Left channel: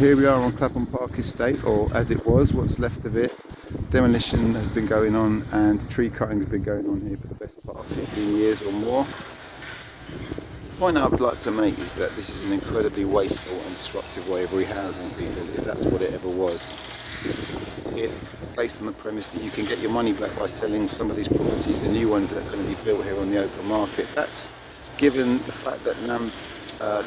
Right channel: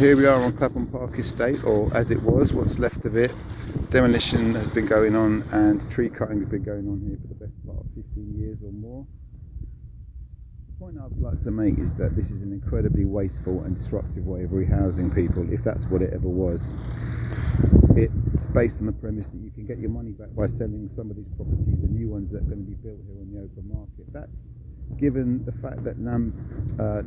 Here we are on Clapham Park Estate, or as it was, what's left of it. Demolition has been going on and tree cutting has been going on here for the best part of 15 years or more. The point I would like to make is that this is an incredibly wasteful and disruptive way of rehousing people, if that's what it ever was. It's based on the premise that you can get your money back by selling some of these properties, the new ones that are going to be built here on the open market. That's given the fact that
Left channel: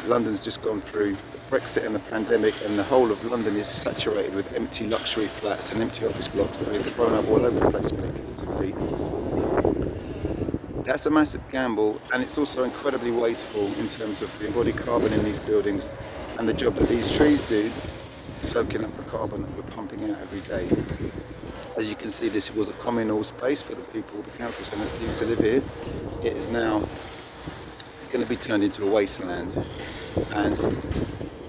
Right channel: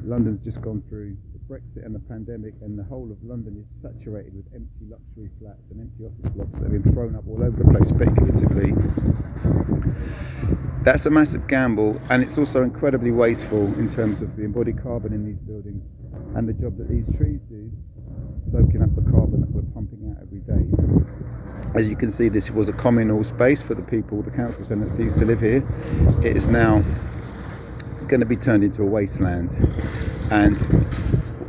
London's just gone through Brexit and the pandemic, and the whole of London is saturated with empty luxury flats and empty office blocks that are being thrown up all over the place speculatively. That's a massive gamble, and it's also incredibly wasteful in terms of the embodied carbon in these buildings and the job that these trees do, soaking up the carbon that we're pumping out every day. As you can see, this was a communal space for the people, the council tenants that used to live here. It is now going to be turned into a wasteland, and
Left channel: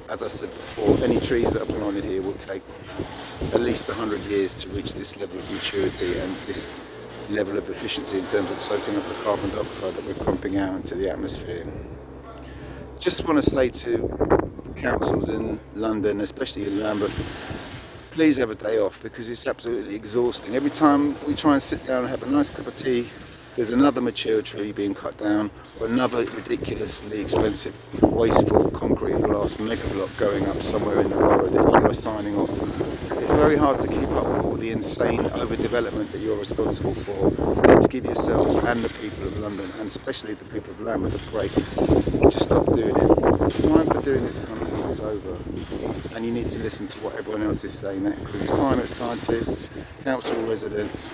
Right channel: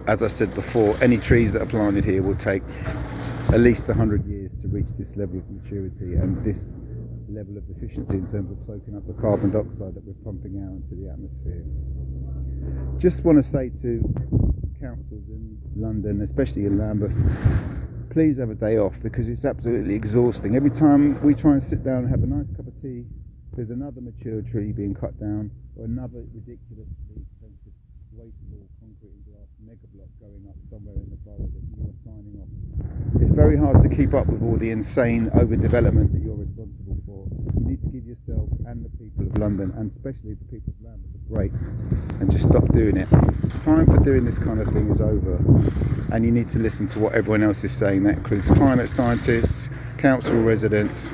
as I said before, any trees that are planted here will take at least 100 years to reach this level of maturity and this level of efficiency in terms of soaking up the carbon dioxide that we're pumping out into the atmosphere. Just want to say to councils in London, especially in Lambeth, please have a day off, because it's absolutely exhausting. Every time we try and sit down and have a nice cup of tea, there's another mature tree being cut down, or another ridiculously expensive, wasteful concrete and glass mega block going up somewhere in the borough that you are signing off. It's very hard to keep up with all the insane overdevelopment that you're responsible for. You need to give yourselves and the people of London, and especially the people of Lambeth, a break and just stop doing it. The time for doing this kind of thing is over, and you need to listen to what everyone else is saying. That includes climate scientists, council residents,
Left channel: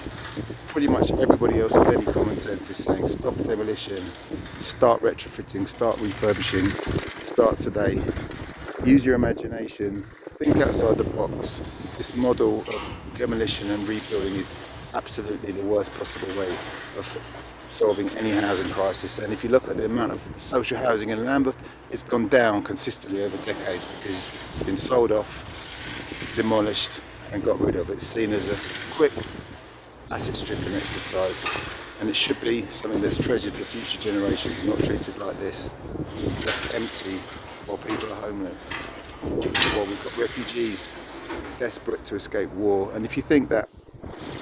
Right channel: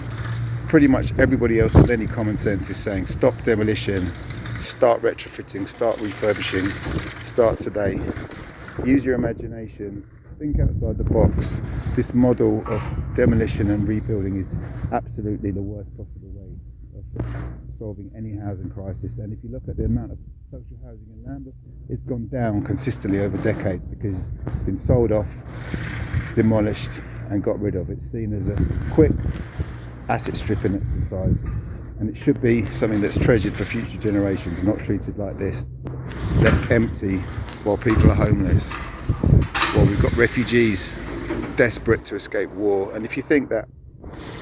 pretty much everybody else with any common sense is saying stop demolition, start retrofitting, start refurbishing, start today. Use your imagination, think outside the box. This model of demolition and rebuilding is absolutely the worst possible way of solving any housing crisis. And if you look at the amount of social housing in Lambeth, it's gone down consistently over decades because it's been sold off, demolished and got rid of. It's seen as a quick asset stripping exercise, and it should be something that's treasured for future generations, not treated like this, left empty while people are homeless, while we've got refugees desperate to escape war. And if you think that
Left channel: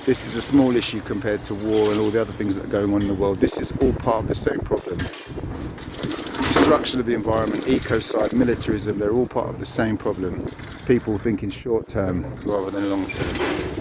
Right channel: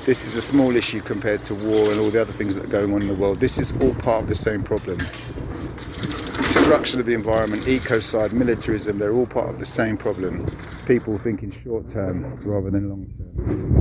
this is a small issue compared to war and all the other things that are going on in the world, this is all part of the same problem. Destruction of the environment, ecocide, militarism, they're all part of the same problem. People thinking short term rather than long term.